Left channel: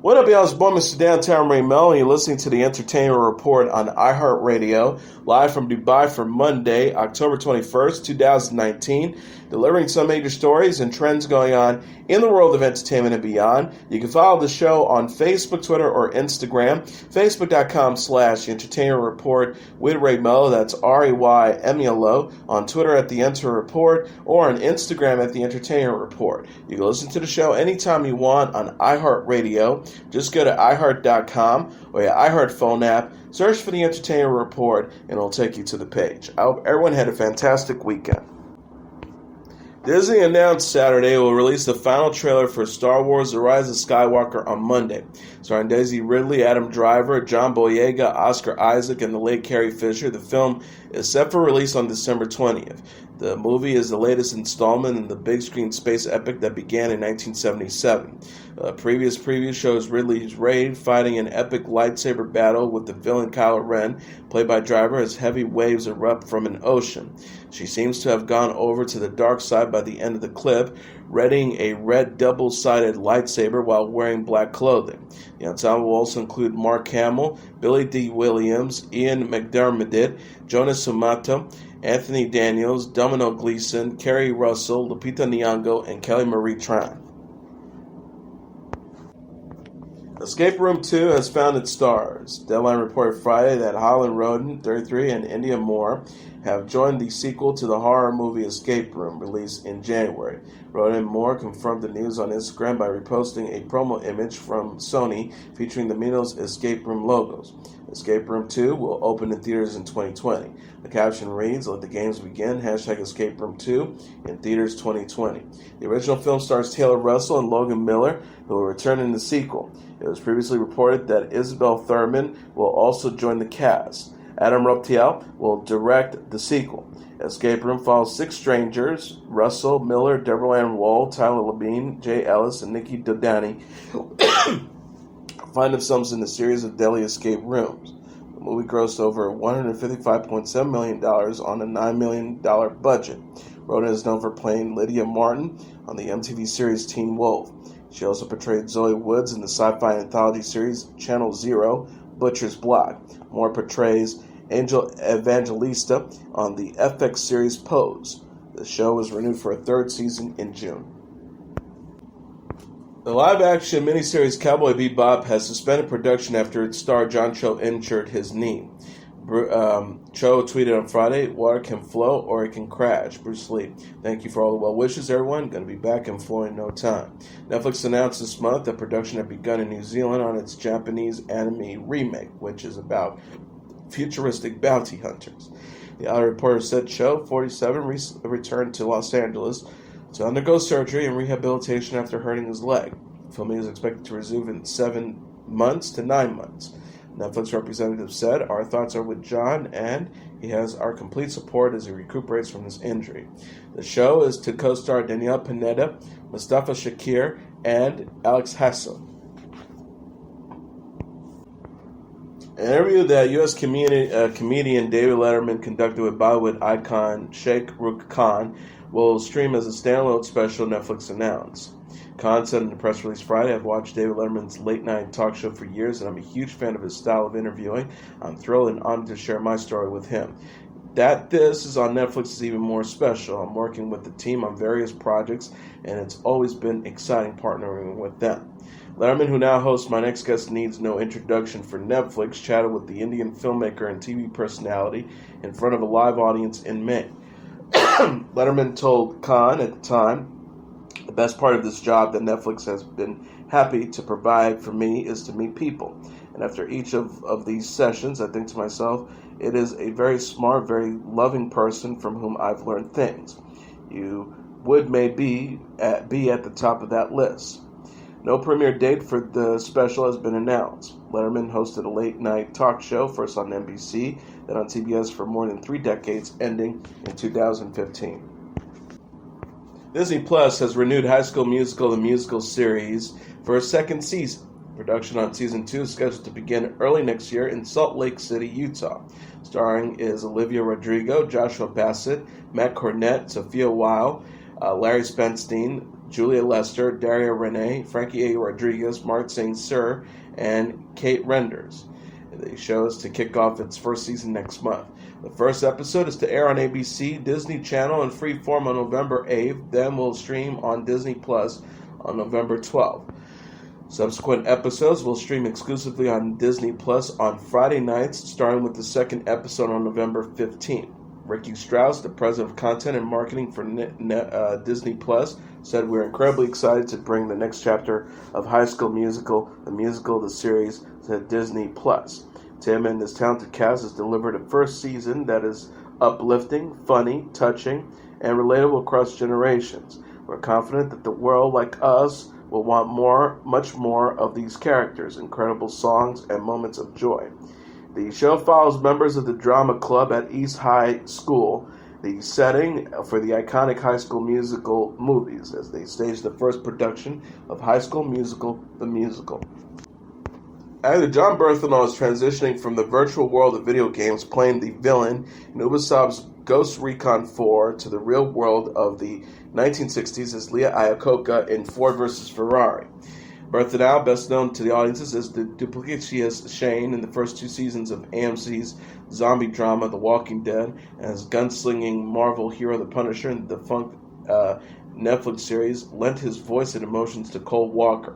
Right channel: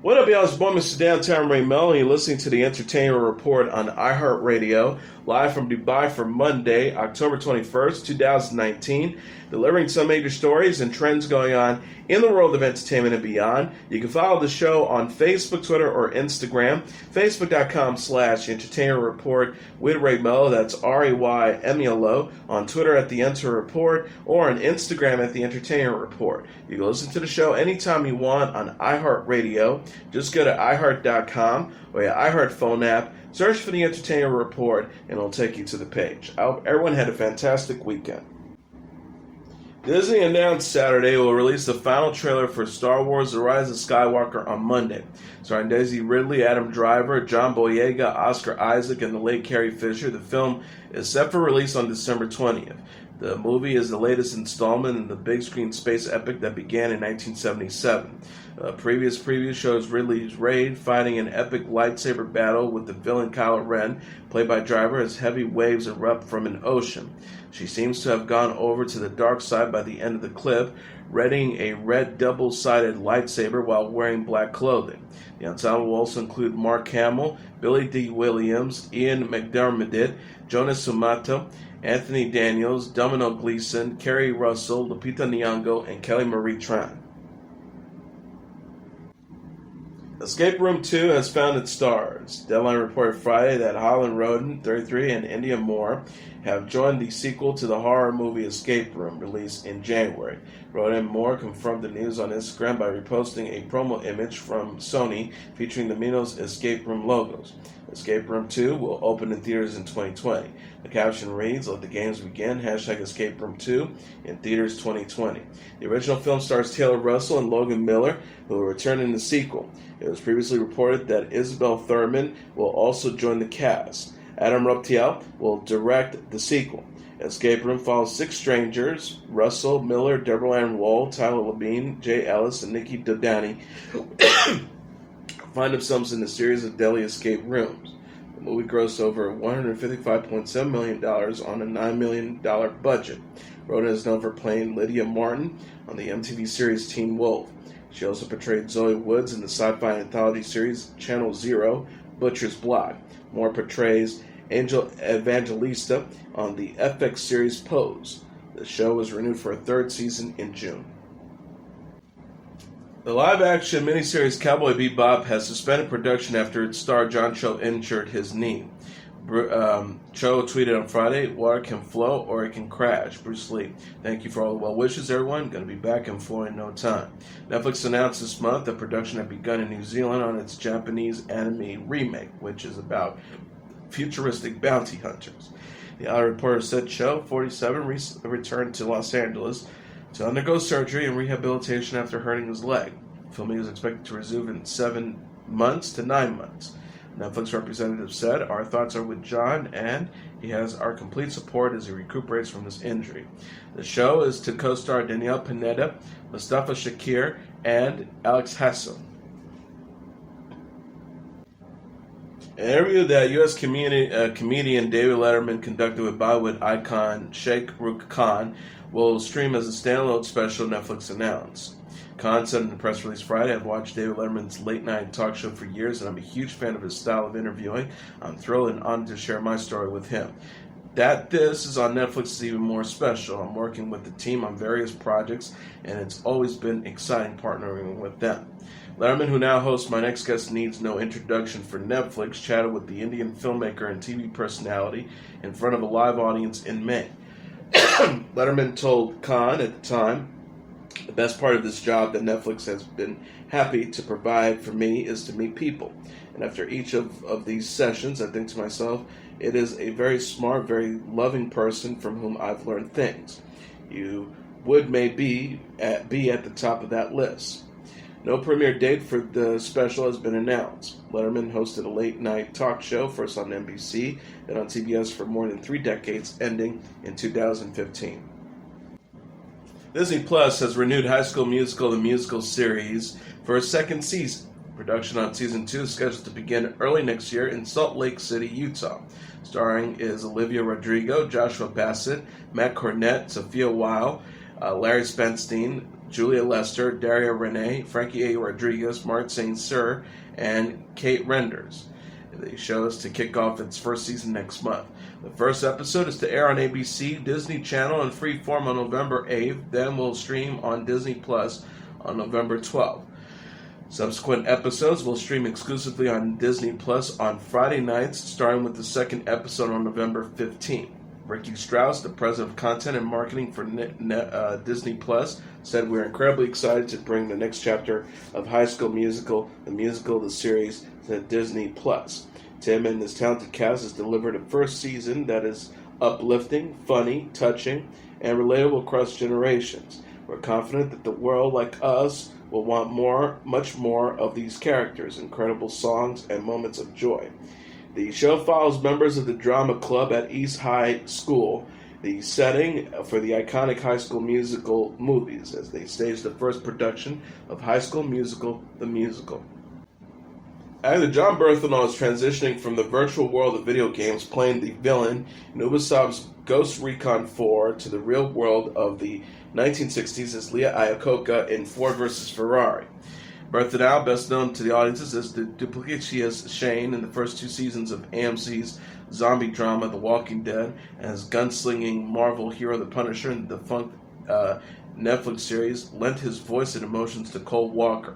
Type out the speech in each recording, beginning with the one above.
What up, y'all? It's boy, Mr. Downtown Ray Melo, and you're listening to the Entertainment Report on iHeartRadio, live from Dubai for Monday, October 21st, 2019, delivering some major stories and trends going on in the world of entertainment and beyond. You can follow the show on Facebook, Twitter, or Instagram. Facebook.com/Entertainment Report with Ray Melo, that's RAYMELO, on Twitter at The Enter Report, or on Instagram at The Entertainment Report. You can listen to the show anytime you want on iHeartRadio. Just go to iHeart.com or your iHeart phone app, search for The Entertainment Report, and it'll take you to the page. I hope everyone had a fantastic weekend. Disney announced Saturday it will release the final trailer for Star Wars: The Rise of Skywalker on Monday. Starring Daisy Ridley, Adam Driver, John Boyega, Oscar Isaac, and the late Carrie Fisher, the film is set for release on December 20th. The movie is the latest installment in the big screen space epic that began in 1977. Previous preview shows Ridley's Rey fighting an epic lightsaber battle with the villain Kylo Ren, played by Driver, as heavy waves erupt from an ocean. She seems to have gone over to the dark side by the end of the clip, readying a red double-sided lightsaber while wearing black clothing. The ensemble will also include Mark Hamill, Billy D. Williams, Ian McDermott, Jonas Sumato, Anthony Daniels, Domino Gleeson, Kerry Russell, Lupita Nyong'o, and Kelly Marie Tran. Escape Room 2 has found its stars. Deadline reported Friday that Holland Roden, 33, and Indya Moore have joined the sequel to the horror movie Escape Room, released in January. Roden and Moore confirmed the news on Instagram by reposting a promo image from Sony featuring the Minos Escape Room logos. Escape Room 2 will open in theaters in 2020. The caption reads, "Let the games begin, #Escape Room 2 in theaters 2020. The original film stars Taylor Russell and Logan Miller, who will return in the sequel. It was previously reported that Isabel Thurman will also join the cast. Adam Ruptiel will direct the sequel. Escape Room follows 6 strangers: Russell, Miller, Deborah Ann Wall, Tyler Labine, Jay Ellis, and Nikki Dodani, find themselves in a series of deadly escape rooms. The movie grossed over $155.7 million on a $9 million budget. Rhoda is known for playing Lydia Martin on the MTV series Teen Wolf. She also portrayed Zoe Woods in the sci-fi anthology series Channel Zero, Butcher's Block. Moore portrays Angel Evangelista on the FX series Pose. The show was renewed for a 3rd season in June. The live-action miniseries Cowboy Bebop has suspended production after its star John Cho injured his knee. Cho tweeted on Friday, "Water can flow or it can crash. Bruce Lee. Thank you for all the well wishes, everyone. Going to be back in flow in no time." Netflix announced this month that production had begun in New Zealand on its Japanese anime remake, which is about futuristic bounty hunters. The Outer Reporter said Cho, 47, returned to Los Angeles to undergo surgery and rehabilitation after hurting his leg. Filming is expected to resume in 7 months to 9 months. Netflix representative said, "Our thoughts are with John, and he has our complete support as he recuperates from this injury." The show is to co-star Danielle Pineda, Mustafa Shakir, and Alex Hassan. An interview that U.S. comedian David Letterman conducted with Bollywood icon Shah Rukh Khan will stream as a standalone special, Netflix announced. Khan said in the press release Friday, "I've watched David Letterman's late-night talk show for years, and I'm a huge fan of his style of interviewing. I'm thrilled and honored to share my story with him. That this is on Netflix is even more special. I'm working with the team on various projects, and it's always been exciting partnering with them." Letterman, who now hosts My Next Guest Needs No Introduction for Netflix, chatted with the Indian filmmaker and TV personality in front of a live audience in May. Letterman told Khan at the time, "The best part of this job that Netflix has been happy to provide for me is to meet people. And after each of these sessions, I think to myself, it is a very smart, very loving person from whom I've learned things. You would maybe be at the top of that list." No premiere date for the special has been announced. Letterman hosted a late-night talk show, first on NBC, then on CBS for more than 3 decades, ending in 2015. Disney Plus has renewed High School Musical, the musical series, for a 2nd season. Production on Season 2 is scheduled to begin early next year in Salt Lake City, Utah. Starring is Olivia Rodrigo, Joshua Bassett, Matt Cornett, Sophia Weil, Larry Spenstein, Julia Lester, Daria Renee, Frankie A. Rodriguez, Mark St. Cyr, and Kate Renders. The show is to kick off its first season next month. The first episode is to air on ABC, Disney Channel, and Freeform on November 8th, then will stream on Disney Plus on November 12th. Subsequent episodes will stream exclusively on Disney Plus on Friday nights, starting with the second episode on November 15th. Ricky Strauss, the president of content and marketing for Disney Plus, said, "We're incredibly excited to bring the next chapter of High School Musical, the series, to Disney Plus. Tim and his talented cast has delivered a first season that is uplifting, funny, touching, and relatable across generations. We're confident that the world, like us, will want more, much more of these characters, incredible songs, and moments of joy." The show follows members of the drama club at East High School, the setting for the iconic High School Musical movies, as they stage the first production of High School Musical, the musical. Actor Jon Bernthal is transitioning from the virtual world of video games, playing the villain in Ubisoft's Ghost Recon 4, to the real world of the 1960s as Leah Iacocca in Ford vs. Ferrari. Bernthal, best known to the audiences as the duplicitous Shane in the first two seasons of AMC's zombie drama The Walking Dead, and as gunslinging Marvel hero The Punisher in the defunct Netflix series, lent his voice and emotions to Cole Walker,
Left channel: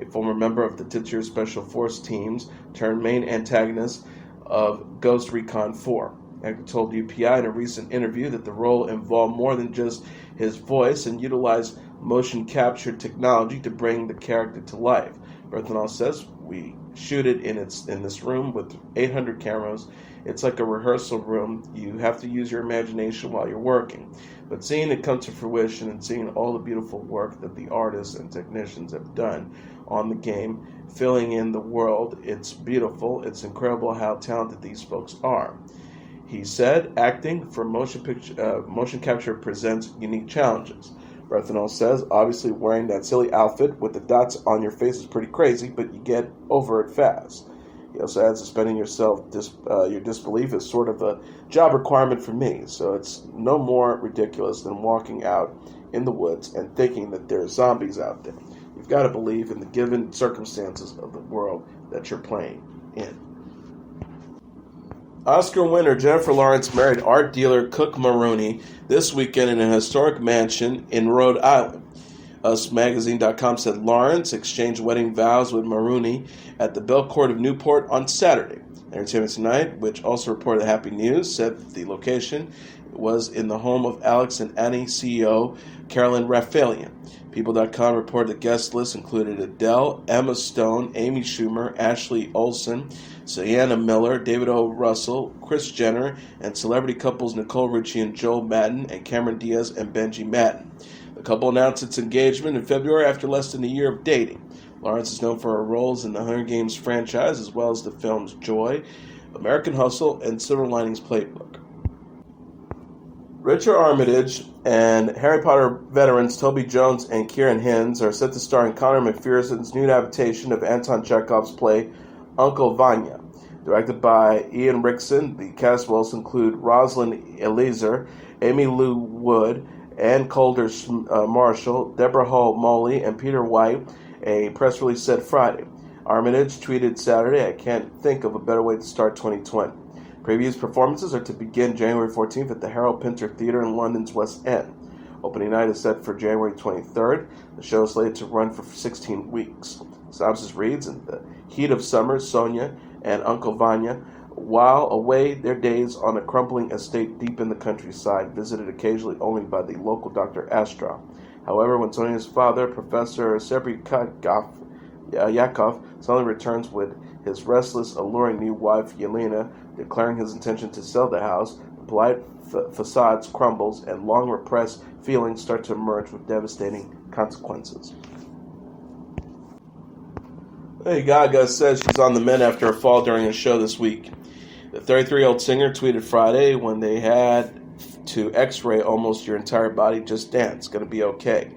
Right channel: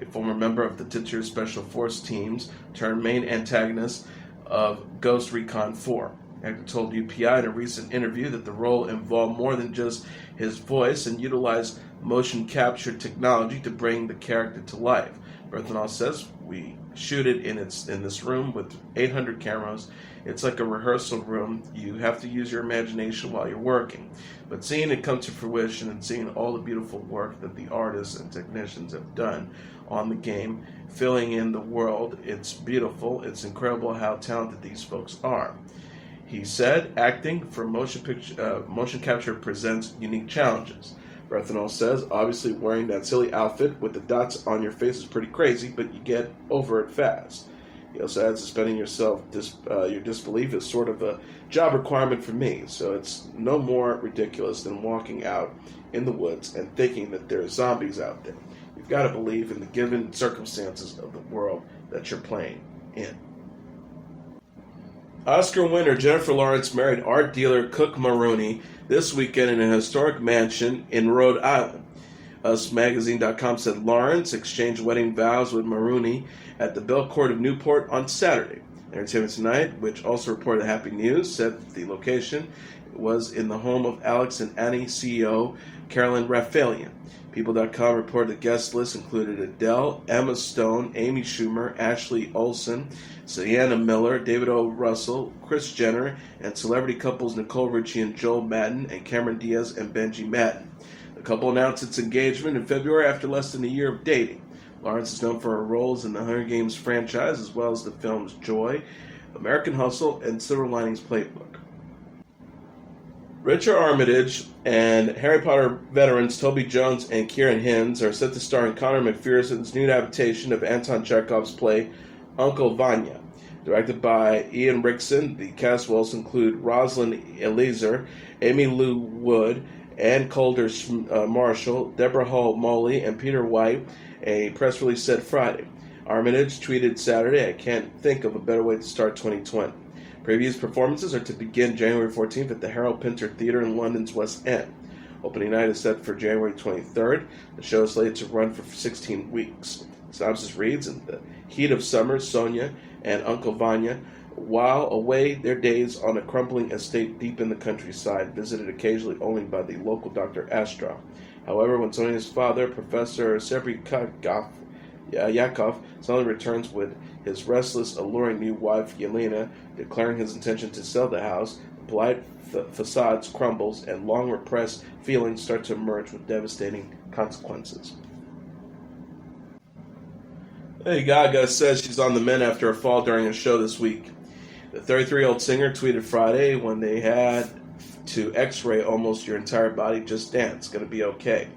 a former member of the titular Special Force teams turned main antagonist of Ghost Recon 4. Actor told UPI in a recent interview that the role involved more than just his voice and utilized motion capture technology to bring the character to life. Bernthal says, "We shoot it in this room with 800 cameras. It's like a rehearsal room. You have to use your imagination while you're working. But seeing it come to fruition and seeing all the beautiful work that the artists and technicians have done on the game, filling in the world, it's beautiful. It's incredible how talented these folks are." He said, "Acting for motion capture presents unique challenges." Bernthal says, "Obviously wearing that silly outfit with the dots on your face is pretty crazy, but you get over it fast." He also adds, "Suspending your disbelief is sort of a job requirement for me, so it's no more ridiculous than walking out in the woods and thinking that there are zombies out there. You've got to believe in the given circumstances of the world that you're playing in." Oscar winner Jennifer Lawrence married art dealer Cooke Maroney this weekend in a historic mansion in Rhode Island. UsMagazine.com said Lawrence exchanged wedding vows with Maroney at the Belle Court of Newport on Saturday. Entertainment Tonight, which also reported the happy news, said that the location was in the home of Alex and Annie CEO Carolyn Rafaelian. People.com reported the guest list included Adele, Emma Stone, Amy Schumer, Ashley Olsen, Sienna Miller, David O. Russell, Kris Jenner, and celebrity couples Nicole Richie and Joel Madden, and Cameron Diaz and Benji Madden. The couple announced its engagement in February after less than a year of dating. Lawrence is known for her roles in the Hunger Games franchise, as well as the films Joy, American Hustle, and Silver Linings Playbook. Richard Armitage and Harry Potter veterans Toby Jones and Kieran Hinds are set to star in Connor McPherson's new adaptation of Anton Chekhov's play Uncle Vanya. Directed by Ian Rickson, the cast will also include Rosalind Eliezer, Amy Lou Wood, Ann Calder Marshall, Deborah Hall Moley, and Peter White, a press release said Friday. Armitage tweeted Saturday, "I can't think of a better way to start 2020. Previous performances are to begin January 14th at the Harold Pinter Theatre in London's West End. Opening night is set for January 23rd. The show is slated to run for 16 weeks. Synopsis reads, "In the heat of summer, Sonia and Uncle Vanya, while away their days on a crumbling estate deep in the countryside, visited occasionally only by the local Dr. Astroff. However, when Sonia's father, Professor Yakov, suddenly returns with his restless, alluring new wife, Yelena, declaring his intention to sell the house, the polite facades crumbles, and long-repressed feelings start to emerge with devastating consequences." Lady Gaga says she's on the mend after a fall during a show this week. The 33-year-old singer tweeted Friday, "When they had to x-ray almost your entire body, just dance, gonna be okay,"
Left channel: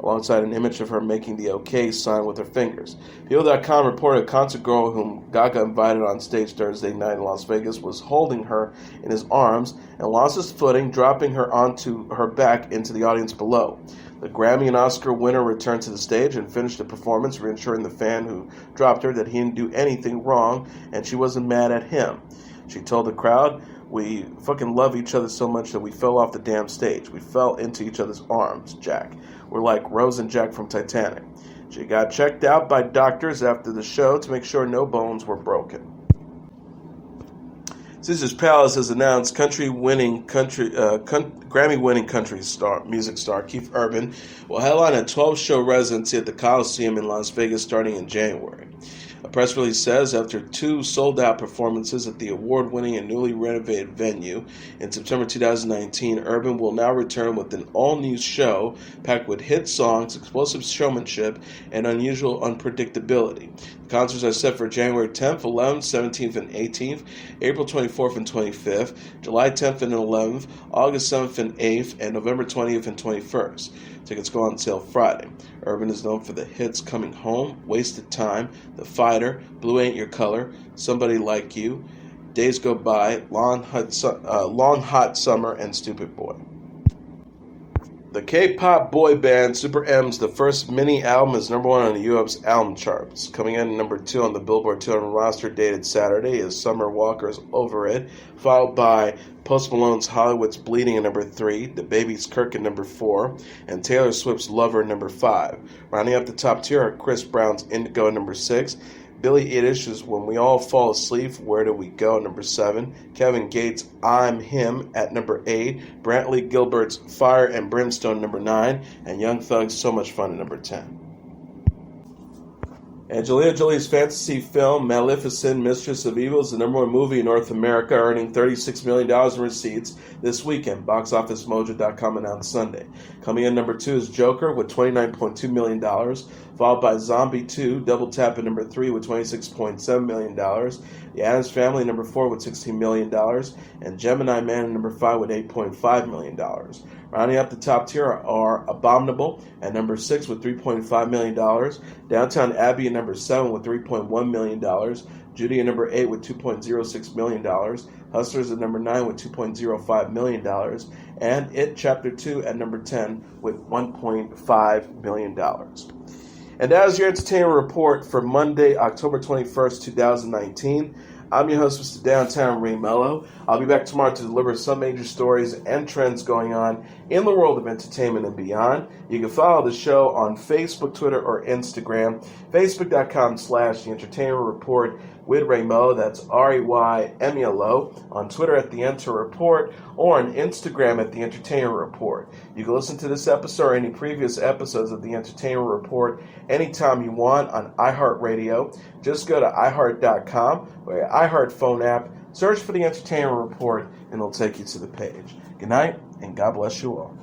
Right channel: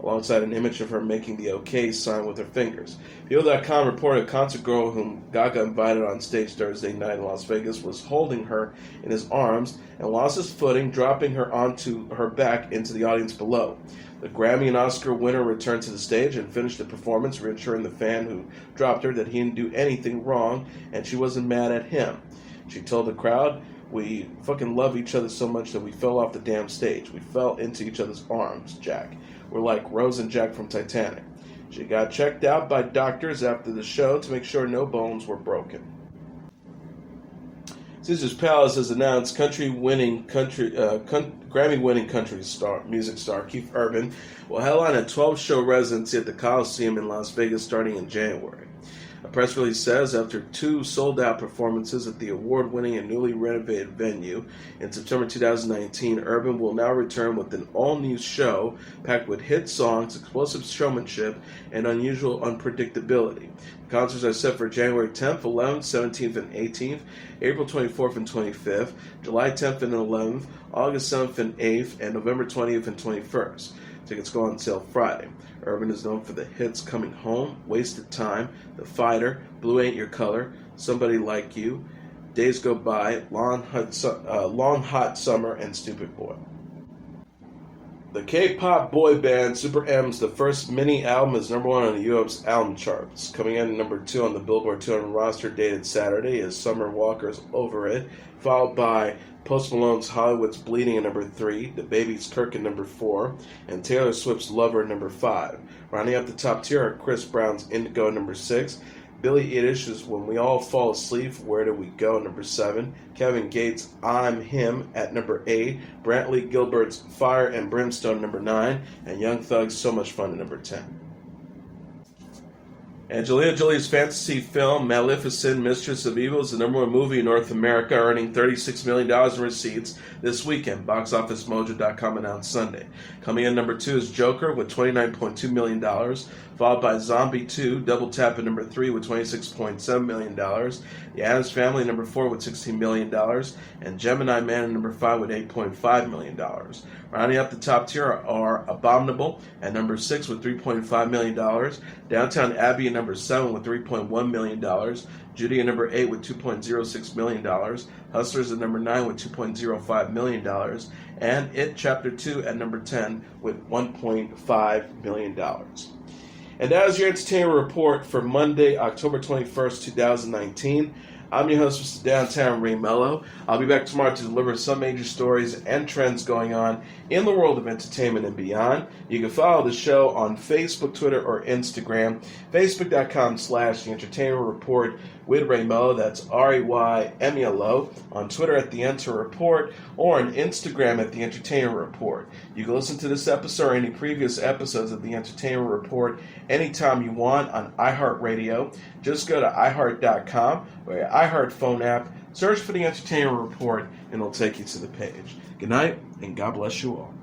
alongside an image of her making the OK sign with her fingers. People.com reported a concert girl whom Gaga invited on stage Thursday night in Las Vegas was holding her in his arms and lost his footing, dropping her onto her back into the audience below. The Grammy and Oscar winner returned to the stage and finished the performance, reassuring the fan who dropped her that he didn't do anything wrong and she wasn't mad at him. She told the crowd, "We fucking love each other so much that we fell off the damn stage. We fell into each other's arms, Jack. We're like Rose and Jack from Titanic." She got checked out by doctors after the show to make sure no bones were broken. Caesar's Palace has announced Grammy-winning music star Keith Urban will headline a 12-show residency at the Coliseum in Las Vegas starting in January. A press release says after 2 sold-out performances at the award-winning and newly renovated venue in September 2019, Urban will now return with an all-new show packed with hit songs, explosive showmanship, and unusual unpredictability. The concerts are set for January 10th, 11th, 17th, and 18th, April 24th and 25th, July 10th and 11th, August 7th and 8th, and November 20th and 21st. Tickets go on sale Friday. Urban is known for the hits Coming Home, Wasted Time, The Fighter, Blue Ain't Your Color, Somebody Like You, Days Go By, Long Hot Summer, and Stupid Boy. The K-pop boy band SuperM's the first mini album is number 1 on the U.S. album charts. Coming in number 2 on the Billboard 200 roster dated Saturday is Summer Walker's Over It, followed by Post Malone's Hollywood's Bleeding at number 3, The Baby's Kirk at number 4, and Taylor Swift's Lover at number 5. Rounding up the top tier are Chris Brown's Indigo at number 6, Billie Eilish's When We All Fall Asleep, Where Do We Go at number 7, Kevin Gates' I'm Him at number 8, Brantley Gilbert's Fire and Brimstone at number 9, and Young Thug's So Much Fun at number 10. Angelina Jolie's fantasy film Maleficent, Mistress of Evil is the number 1 movie in North America, earning $36 million in receipts this weekend. BoxOfficeMojo.com announced Sunday. Coming in number 2 is Joker with $29.2 million, followed by Zombie 2, Double Tap at number 3 with $26.7 million, The Addams Family at number 4 with $16 million, and Gemini Man at number 5 with $8.5 million. Rounding up the top tier are Abominable at number 6 with $3.5 million, Downtown Abbey at number 7 with $3.1 million, Judy at number 8 with $2.06 million, Hustlers at number 9 with $2.05 million, and It Chapter 2 at number 10 with $1.5 million. And that is your entertainment report for Monday, October 21st, 2019. I'm your host, Mr. Downtown Ray Melo. I'll be back tomorrow to deliver some major stories and trends going on in the world of entertainment and beyond. You can follow the show on Facebook, Twitter, or Instagram. Facebook.com/The Entertainment Report with Ray Melo. That's RAYMELO. On Twitter at The Enter Report, or on Instagram at The Entertainment Report. You can listen to this episode or any previous episodes of The Entertainment Report anytime you want on iHeartRadio. Just go to iHeart.com or your iHeart phone app, search for The Entertainment Report, and it'll take you to the page. Good night, and God bless you all.